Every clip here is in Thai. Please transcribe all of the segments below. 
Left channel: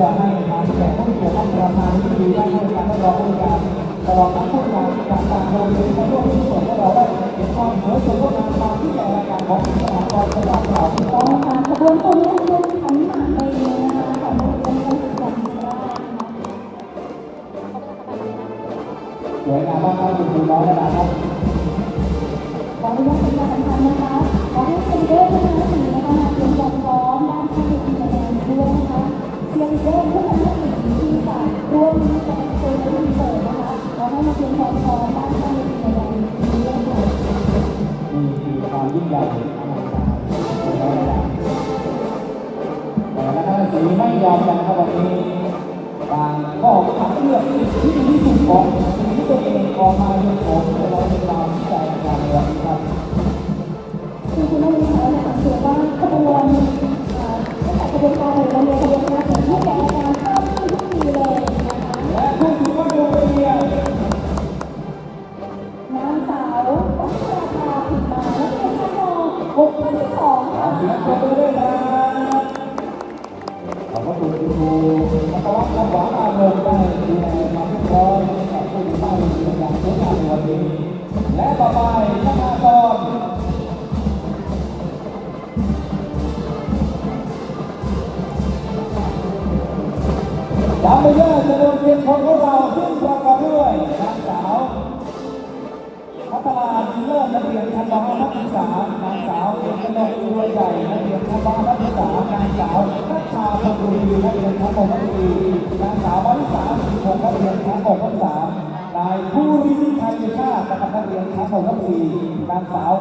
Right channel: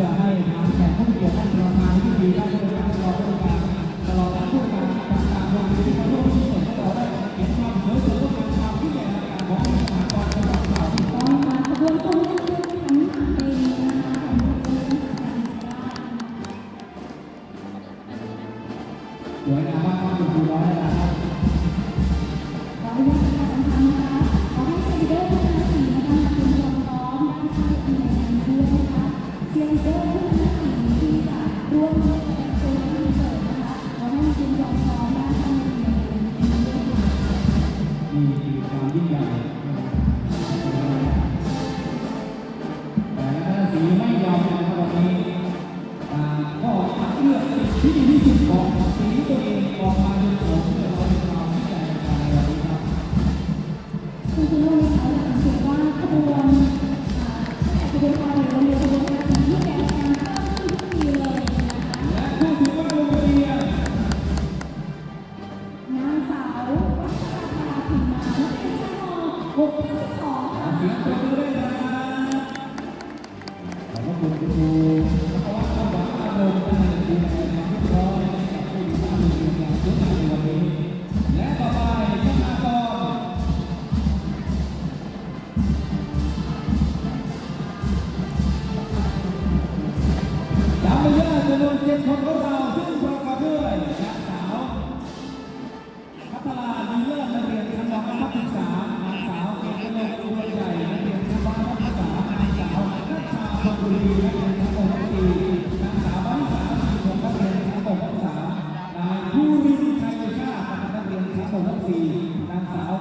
พื่อให้ทางแขกผู้เกี่ยวข้องประธานที่ดีได้ให้การรองผู้การตลอดทั้งผู้การการการโรงเรียนร่วมที่เปิดให้เราได้เห็นความสวยสดงดงามความที่ใหญ่รายการของสถาบันจังหวัดเราก็มาขบวนตรงนี้เรื่องขันหมากไปเลยนะคะของโรงเรียนการศึกษาได้นะคะสวยงามมากครับคุณครูน้อยนะครับ ต่างก็คัดเลือกที่ดีที่สุดของสีตัวเองออกมาเป็นของตัวเรา ม .5 นักศึกษานางสาวเอกนกตัวใหญ่นักเรียนชั้นม .5 นักศึกษานางสาวนัชชาพังบุรีนักเรียนชั้นม .6 นักศึกษานางสาวมาริสาสิงห์นักเรียนชั้นม .6 นักศึกษานายภูริวิชัยเดชาตินะครับนักเรียนชั้นม .6 นักศึกษานางสาว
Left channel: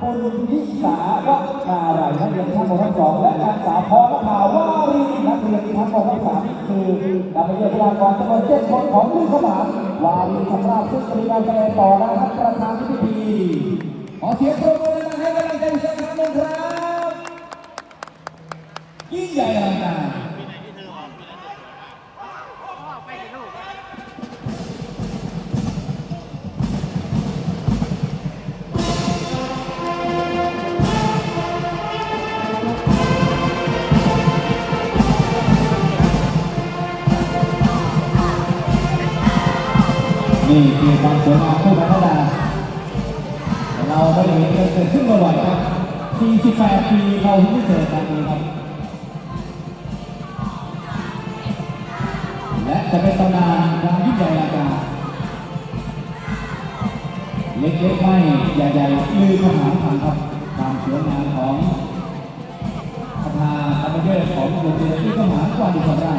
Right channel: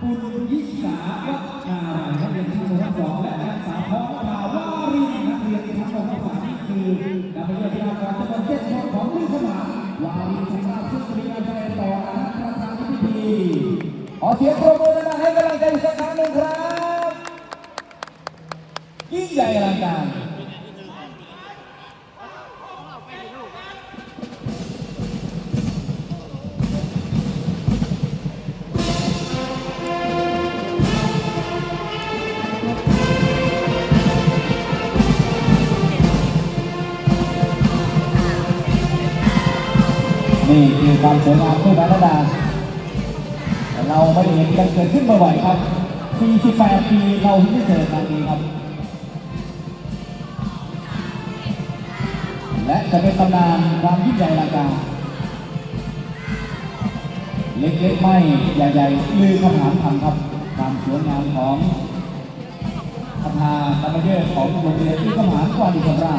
ปุณยิสาวนาไรนักเรียนชั้นม .2 และนางสาวพรภาวารีนักเรียนชั้นม .3 นี่คือนำไปเยี่ยมพยากรจำนวนเจ็ดคนของลูกขนานวารีชำราบซึ่งมีการแสดงต่อนะครับประธานพิธี ขอเสียงปรบมือดังๆให้กำลังใจอีกสักครั้งหนึ่งครับ ยิ่งใหญ่อลังการนี่คือความสวยงามคู่กันดา เราไม่ได้มันเกิดขึ้นบ่อยครับ 48 ปีเราเพิ่เจอกันนี้ครับ และจะเป็นตำนานความยิ่งใหญ่อลังการเล็กๆไม่ใหญ่ๆลือคำถามคำครับความสวยงามของประธานอภิเษกของโรงเรียนที่คำถามกว่าดีของเรา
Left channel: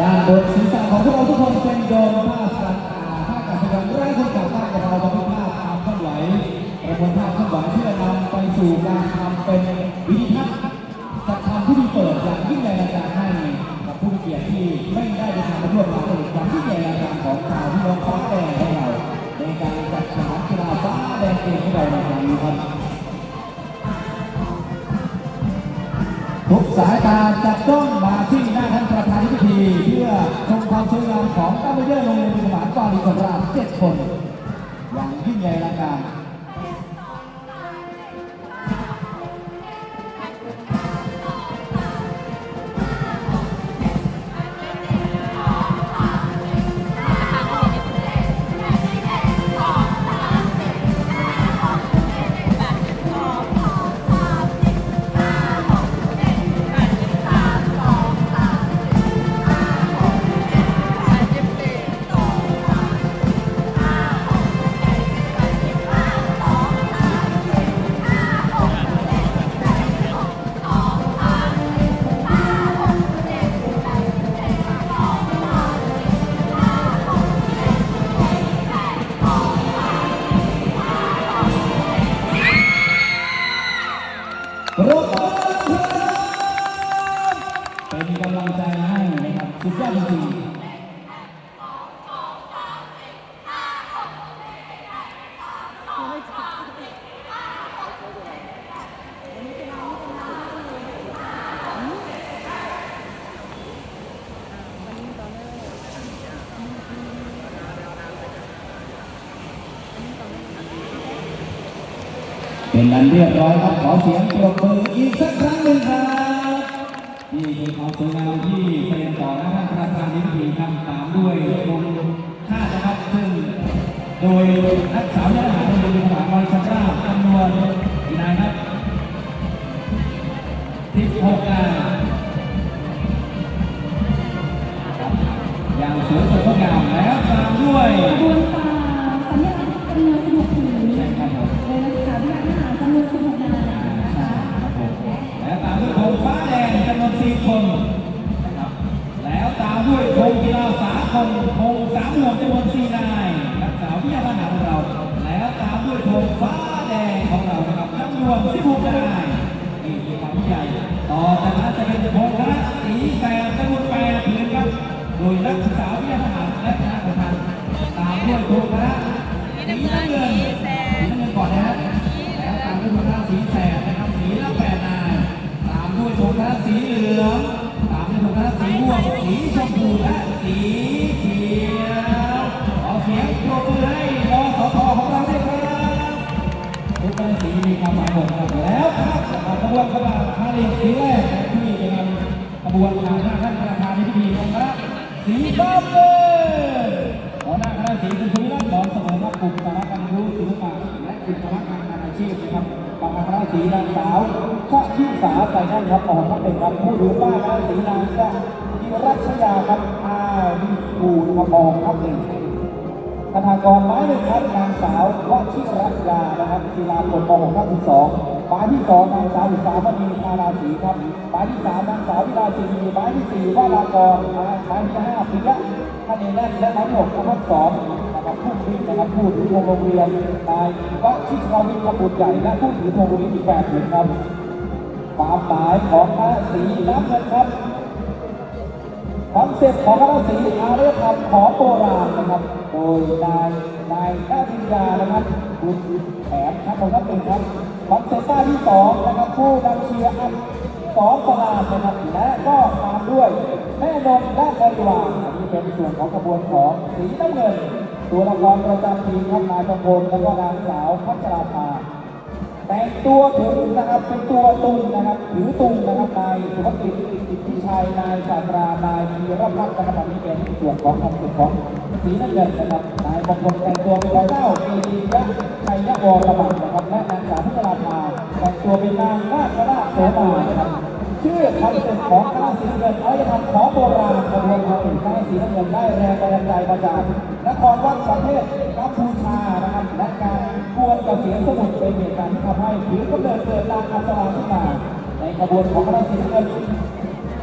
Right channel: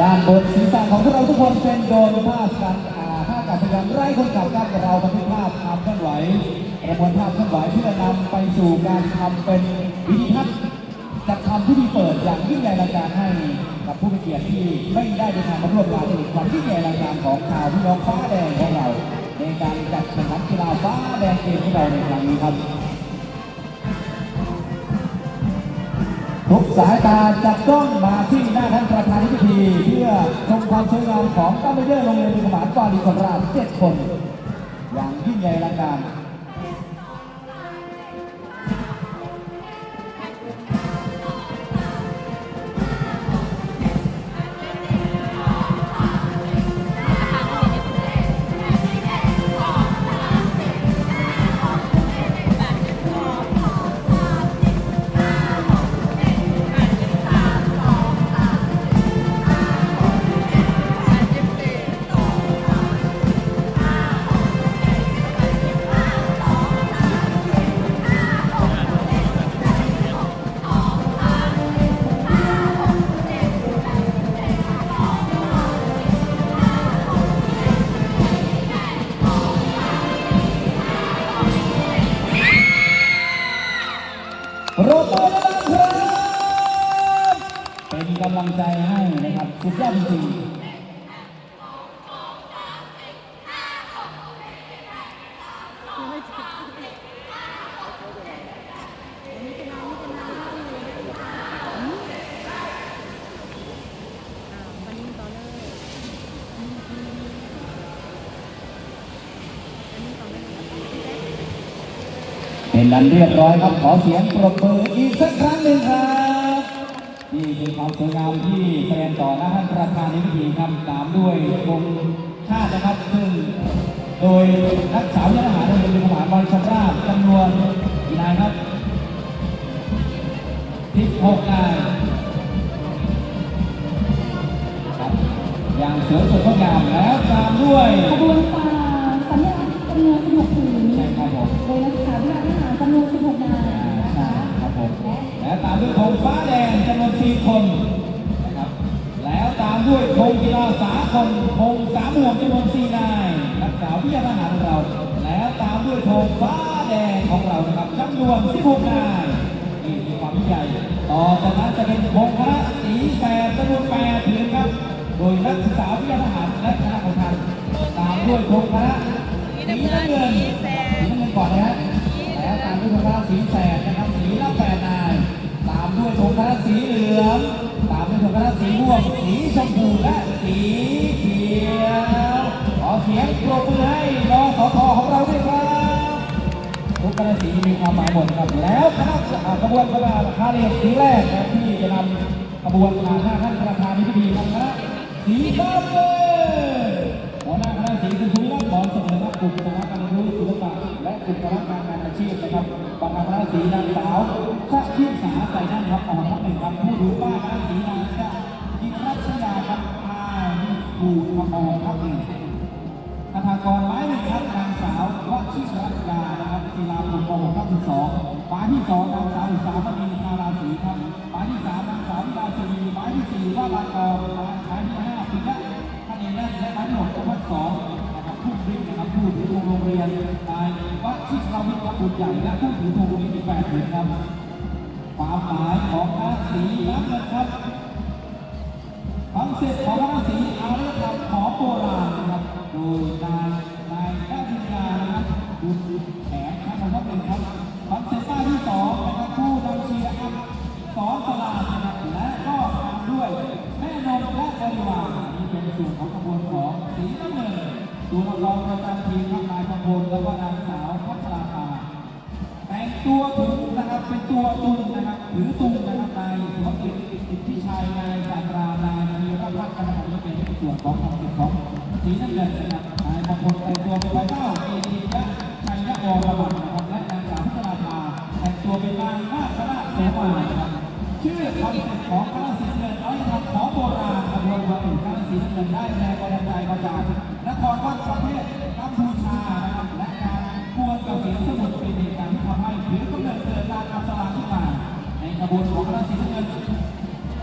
ด้านบน คนเป็นโดนภาพการอ่าภาพการแสดงไร้คนขับด้านกับเราบันทึกภาพความเคลื่อนไหวประมวลภาพเคลื่อนไหวเพื่อนำไปสู่การทำเป็นวิธีทัศน์จัดทำพิธีเปิดอย่างยิ่งใหญ่อลังการให้กับผู้มีเกียรติที่ไม่ได้เดินทางมาร่วมงานในความยิ่งใหญ่อลังการของชาวพี่น้องฟ้าแดงของเรา ในการจัดแข่งขันกีฬาฟ้าแดงเกมของเราในครั้งนี้ครับทุกสายตาจับจ้อง มีคนราบเจ็ดคน อย่างยิ่งใหญ่อลังการั้นเรียบร้อยครับขอเสียงปรบมืออีกสักครั้งหนึ่งครับนี่คือความสวยงามที่แสดงต่อหน้าท่านประธานในพิธีครับตามด้วยธงชาตินะครับซึ่งโดยนักสาวยทหารโรงเรียนทหารบริชำราบจำนวนกี่นายครับ16นายอย่างสวยสดงดงามแล้วตามด้วยขบวนฝ่า ฟ้าแดงจำนวน4คนนะครับแล้วตามด้วยธงกีฬาสากลธงสามหมวกจำนวน4นายนักสาววิทยาทหารของเรา แล้วตามด้วยธงฟ้าแดงของเรานะครับจำนวน16นายนี่มีความใหญ่ต่อจากนั้นจะเป็นธงคณะสีแสดจำนวน8ผืนครับ โดยนักศึกษาวิทยาทหารและคณะของท่านตามด้วยธงคณะสีน้ำเงินสีน้ำเงินก่อนนะฮะแล้วตามด้วยธงคณะสีแสดนะครับสีละแปด สีเหลืองตามด้วยธงคณะสีม่วงสีชมพูและสีเขียวขอเสียงปรบมือให้รอสทของเราด้วยครับทุกคณะสีมีความหมายหมดครับแล้วครับอ่ากระบวนกระบาพาเลทสีแรกที่จะนำกระบวนทางหน้าท่านประธานในพิธีของคณะสีฟ้าเงินหัวหน้าคณะสีคุณชูรัตน์บอลสมอครับกลุ่มคณะการรู้ศิลปะและกลุ่มคณะงานอาชีพนะครับประธานคณะสีนางสาว ชะพิสาใจนั่นครับออกทัพเป็นครับผู้ถือป้ายคณะสีนางจะจิรัชยาครับอาวิภูครับออกทัพหนึ่งคาถากรหมายหนึ่งครับนางสาววชิรัตยานะครับกีฬาคนม .6 ครับที่สองหมายที่สองนางสาวอุตสามณีนาราศีครับหมายที่สามนางสาววิลาศีหมายที่สี่วรากรหมายที่ห้าปิยะท่านเอแลนและหมายที่หกนะครับสองนะครับผู้พิมพ์นะครับผู้ถือธงโรงเรียนนายวชิราวิทย์บุตรใหญ่และผู้ถือธงโรงเรียนอีกแปดหนึ่งครับ ความหมายของพระสีน้ำเงินครับคอนเซ็ปต์ของคณะสีอารยธรรมของโบราณนะครับ โดยนายนายนาวิญญานะครับบุญแถมครับของนักเรียนครับคอนเซ็ปต์ป้าที่สองนะครับผู้นำเชียร์อัพสองตลาดนะครับและก็ตามด้วยแม่นมและบริวารอันนี้เป็นส่วนของขบวนของสีน้ำเงิน ตัวละครประจำทีมครับนายประพลแล้วก็นางสาวพัชราภา แต่งตัวถึงนะครับเป็นตัวตุงนะครับถือตุงนะครับนายสุภกิจอิทธิชัยนายศาตรานายธีรพัฒน์นะครับอันนี้เป็นส่วนของคำสุดของสีน้ำเงินนะครับนายมงคลแต่งตัวเป็นใบเล่าเอดียะชัยยะวรบัตนะครับและนางสาวพัชราภาแต่งตัวเป็นนางนาคราชโสมานะครับชื่อคอนเซ็ปต์ของคณะสีน้ำเงินอารยธรรมของโบราณกระบวนการถึงคณะสีน้ำเงินได้แรงบันดาลใจมาจากนครวัดประเทศกัมพูชานะครับและการกวนกับเสียงสมุทรเป็นเหตุการณ์ ถือกำเนิดเกิดนางอัศราขึ้นมา ในขบวนของพระศรีเงิน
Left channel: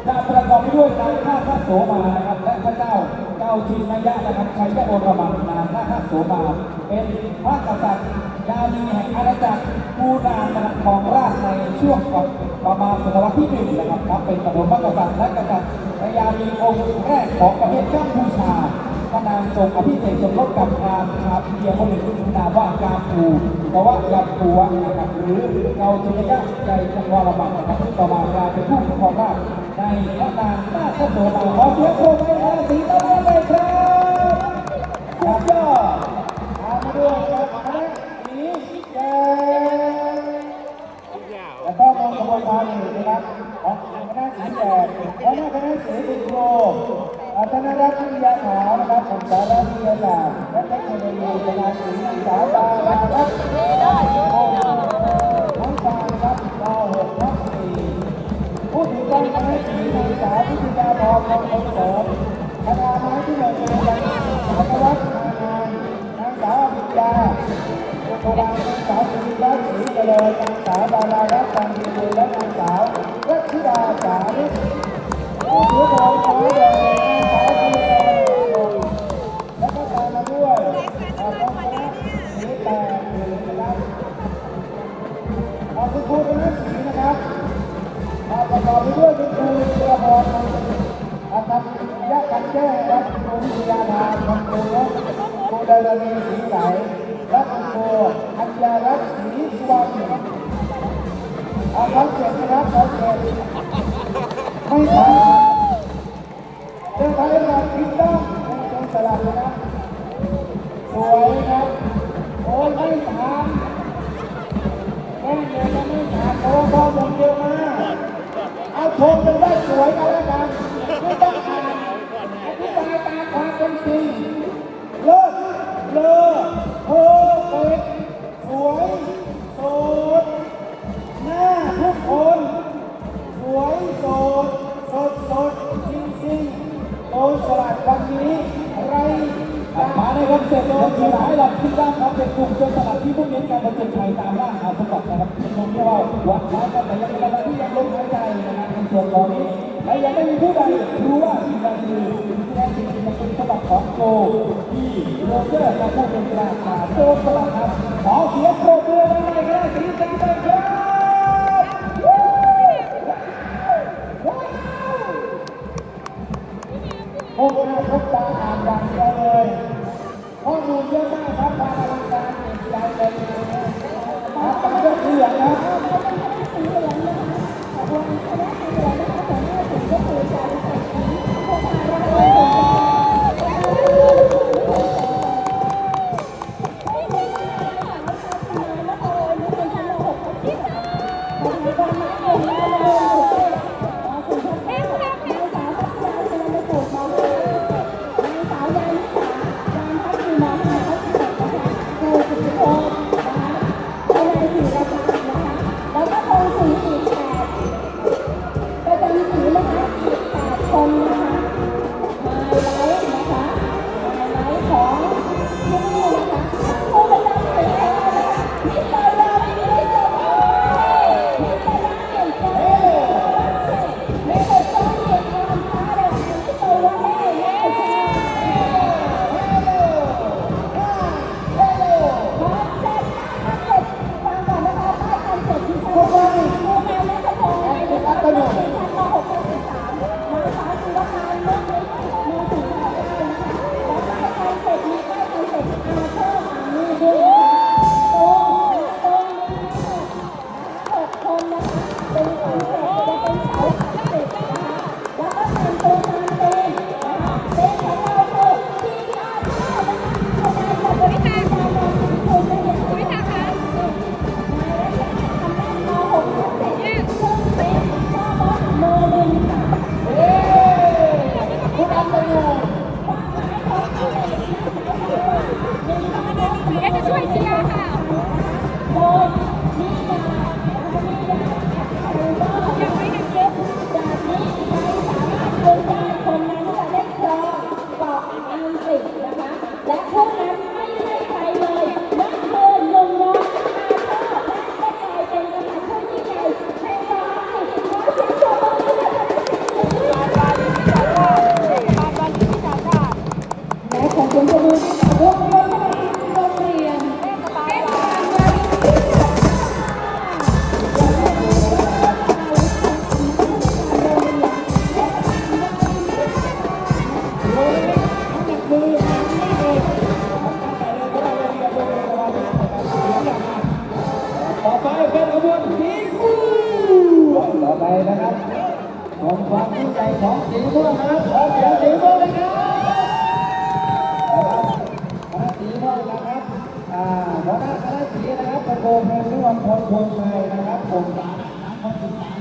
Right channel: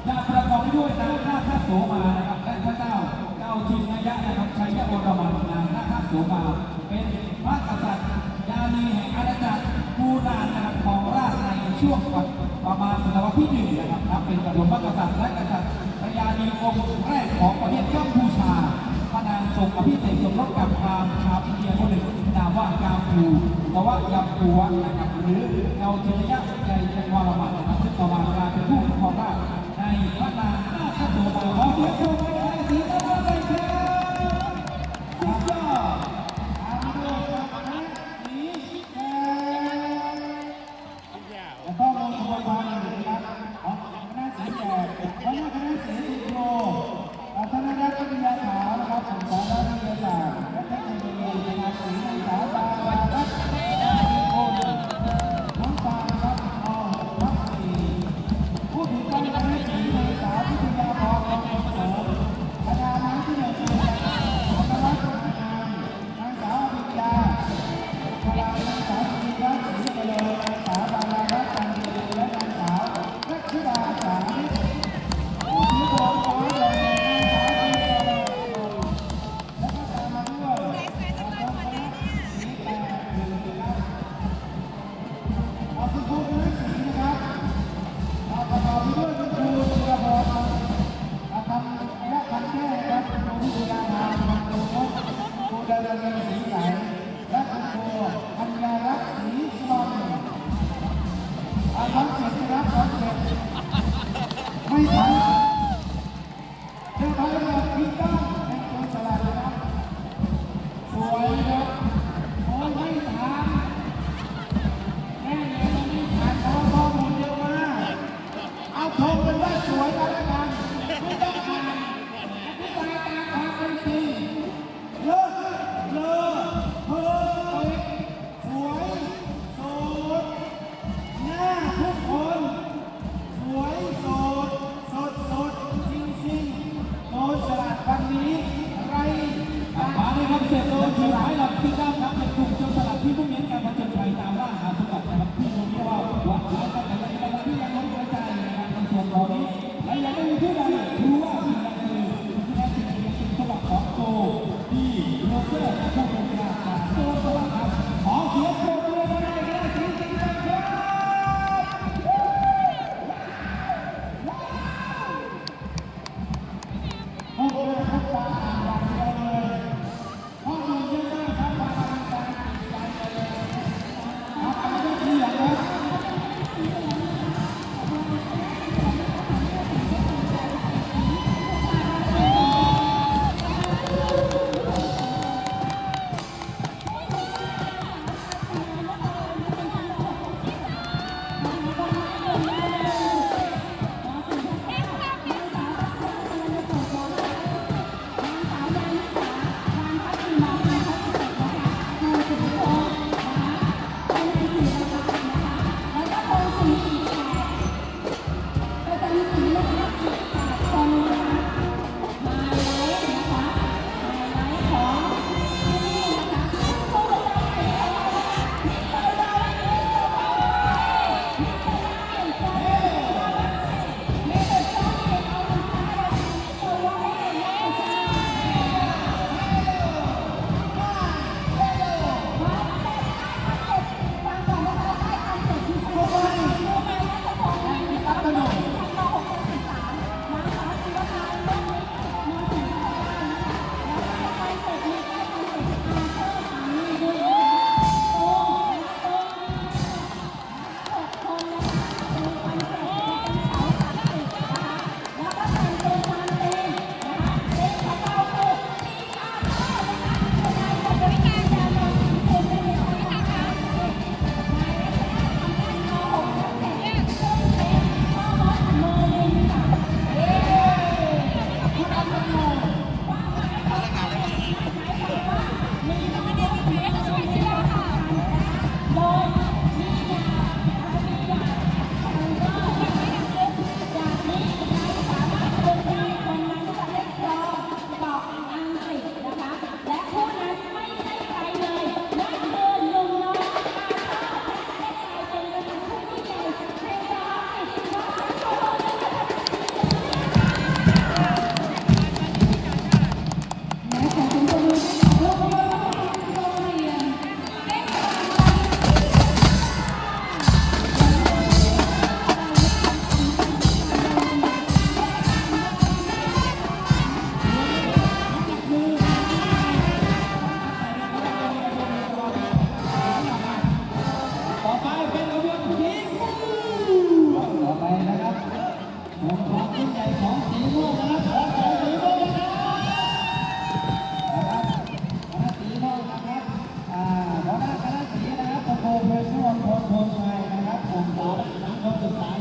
จะประกอบไปด้วยนางนาคโสมานะครับ และพระเจ้าเจ้าชินยะนะครับชัยยะโอรมันนางนาคโสมา เป็นพระกษัตริย์ยานีแห่งอาณาจักรปูรานนะครับของราชในช่วงประมาณศตวรรษที่หนึ่งนะครับนับเป็นปฐมกษัตริย์และกษัตริย์พญานีองค์แรกของประเทศกัมพูชา พระนางอภิเษกสมรสกับพรามชาวอิเดียคนหนึ่งนามว่ากามภูแต่ว่ายัมภูวะนะครับหรือเกาจินยะใจจังหวรบัตนะครับซึ่ต่อมากลายเป็นผู้ปกครองราชในพระนางนาคโสมาขอเสียงปรบมือให้สีต้นไม้เลยครับสุดยอดตามมาด้วยครับคณะสีแดงแล้วก็มองกระบวนการอื่นนะครับของคณะสีแดงและหน้าคณะสีบุญโยอา ธนรัตน์วิทยาขาวนะครับผมสาระวิทยาศาสตร์และเทคโนโลยีคณะสีนางสาวดารารัตน์โอ้น้องตาครับดาวหกทับสีผู้ถือต้องคณะสีนางสาววิทยาพรมงคลเสริมคณะไม้ที่หนึ่งมาจากธวัฒน์มานานนางสาวอภิญญาอุปราชนางสาวสิริรัตน์ศรีเจริญ อาประกอบไปด้วยคุณครูธีรพรอาคำยะคันแก้ครับครูวิทยาทานคุณครูนกครูดารณีสีใสและคุณครูอัญญารัตน์ศรีสุวรรณอาคอนเสร็จนะครับคอนเสร็จไม่ทันเจ้าไทยระดับพิต้าในตรงสลับนะ ลายให้เราคิดด้านครับเป็นกลุ่มเจ้าสลัดที่มุ่งเน้นการประจนภัยตามล่าหาสมบัตินะครับที่มองเที่ว่าวัดไว้กับแต่ยังเป็นอะไรที่ยังล้มหายใจนะครับในส่วนของนี้และยังไม่มีผู้ใดรู้ว่าที่งใดคือที่แท้จริงจะเป็นสมบัติของโกที่โรเจอร์มะพูดเป็นกลาง ต่อไปนะครับของความผู้ใจของสีม่วงนะครับขอเสีม่วงนะครับคณะสีม่วงนะครับอ่าหัวคณะสีนะครับตะโกนเพื่อนร่วมพลพลชัยนะครับส่งสารทั้งคนศึกษา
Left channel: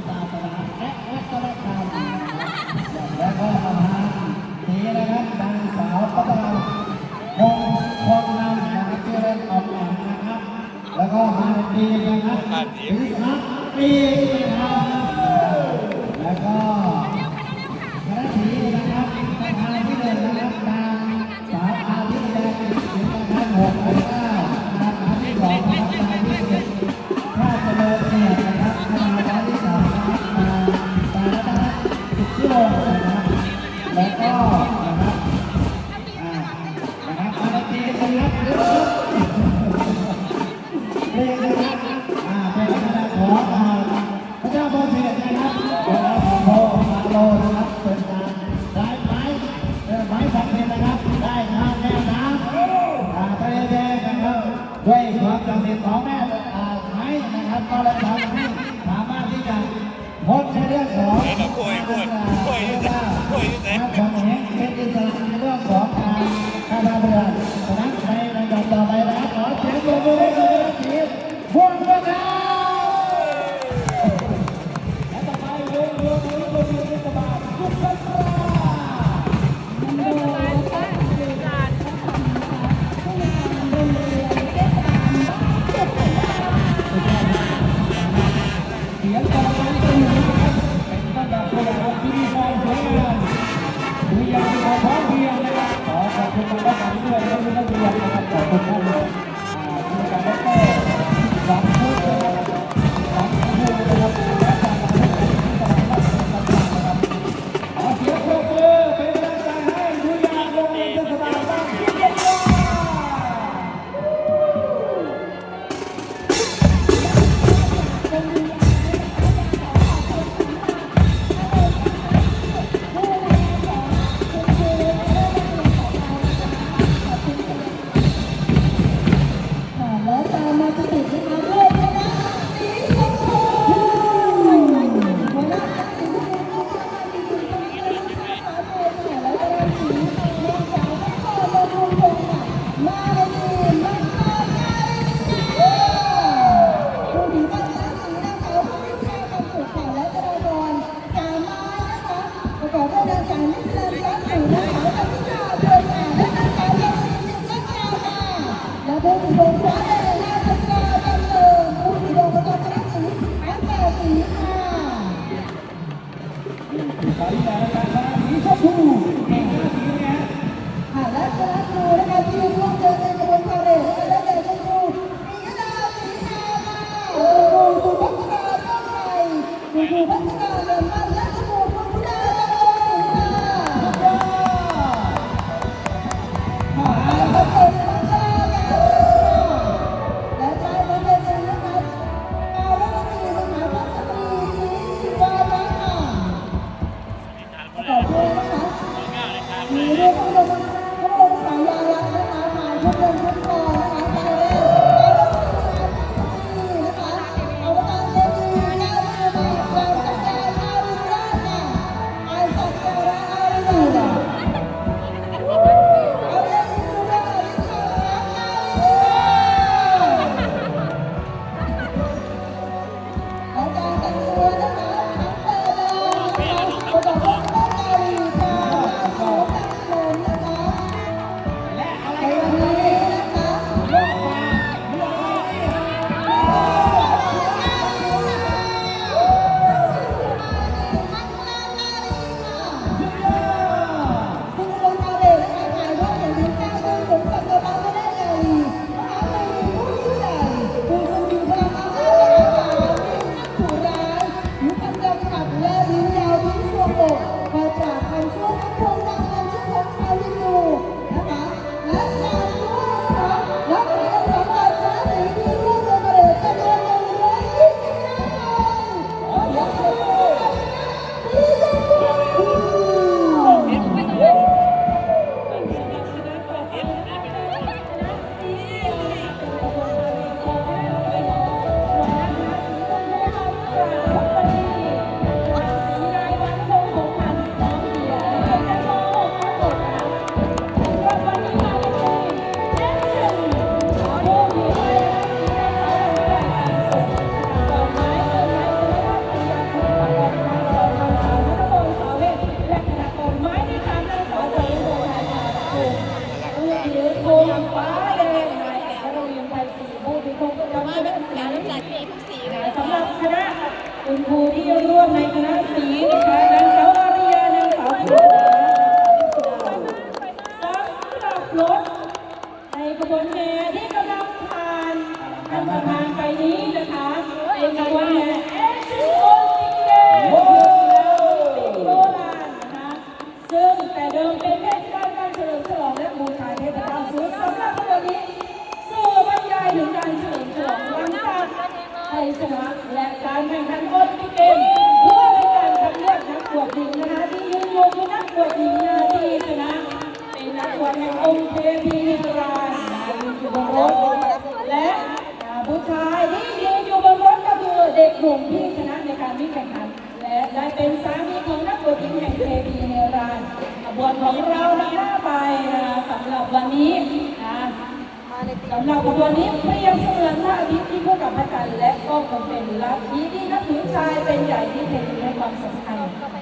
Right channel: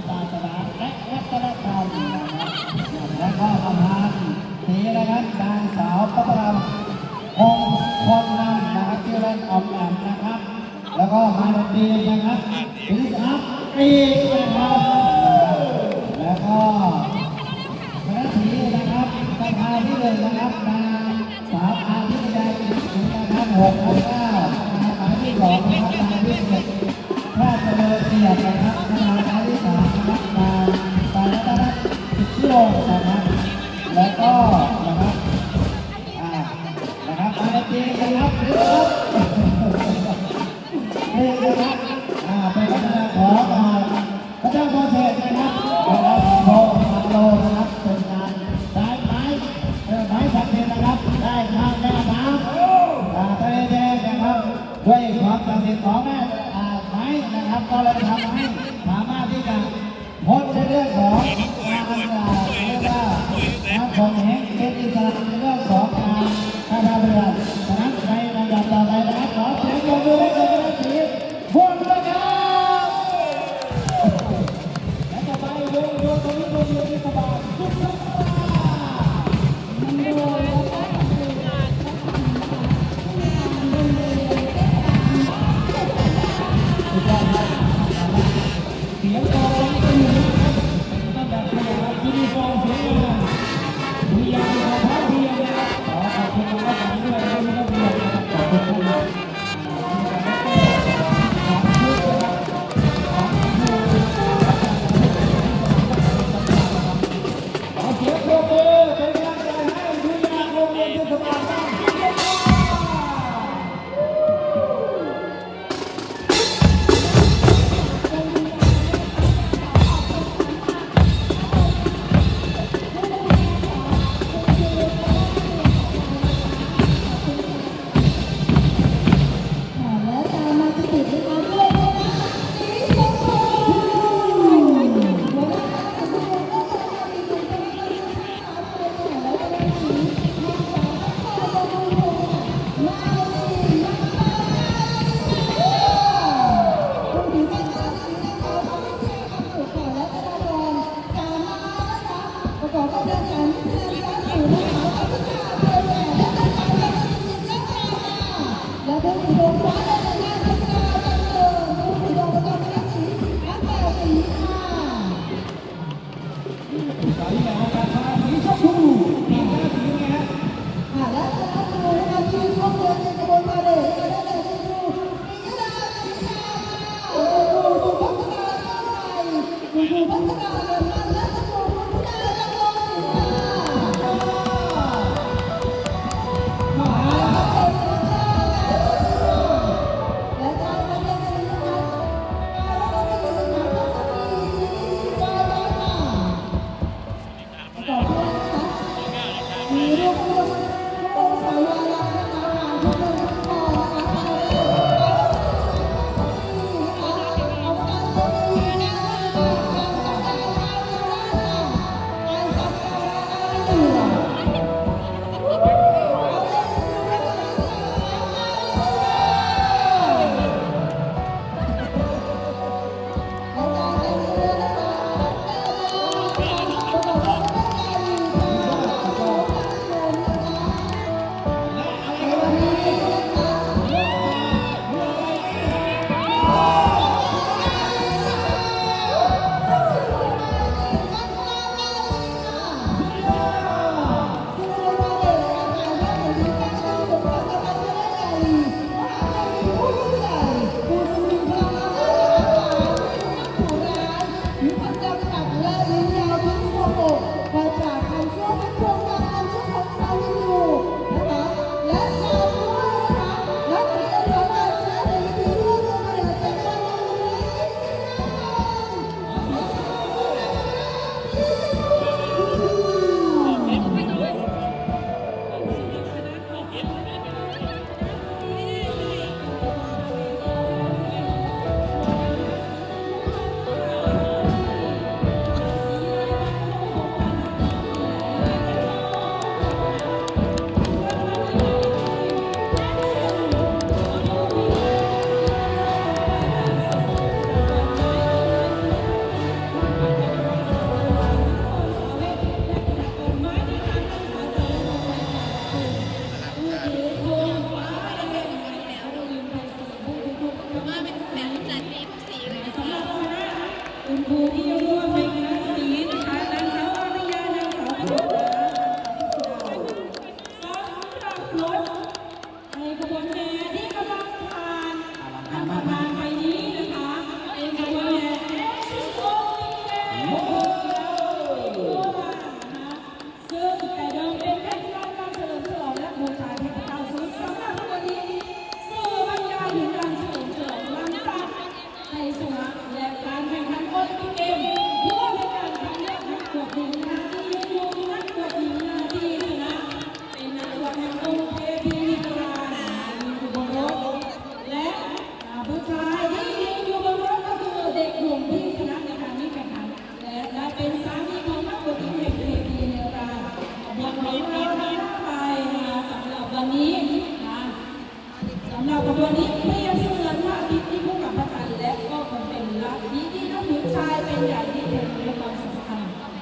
ตัวนี้เปรียบเสมือนพระอาทิตย์ที่คู่กับพระจันทร์และก็คงเป็นลัทธิที่นับถือชายเป็นใหญ่ที่เห็นในความสำคัญ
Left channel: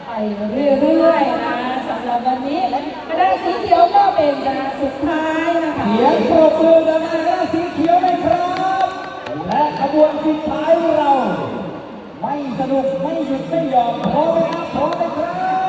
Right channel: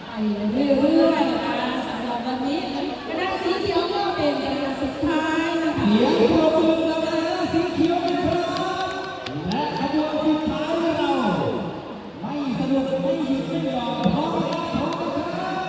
ไปเรื่อยๆนะสำหรับวันนี้กระดาษสีเขียวก็เป็นกระดาษสุดท้ายนะคะเสียงปรบมืกระดาษสีเขียวเลครับ และขบวนสุดท้ายเรา ไม่สนุกไม่หยุดไม่ยอมพร้อมไหมครับพร้อมไหมครับ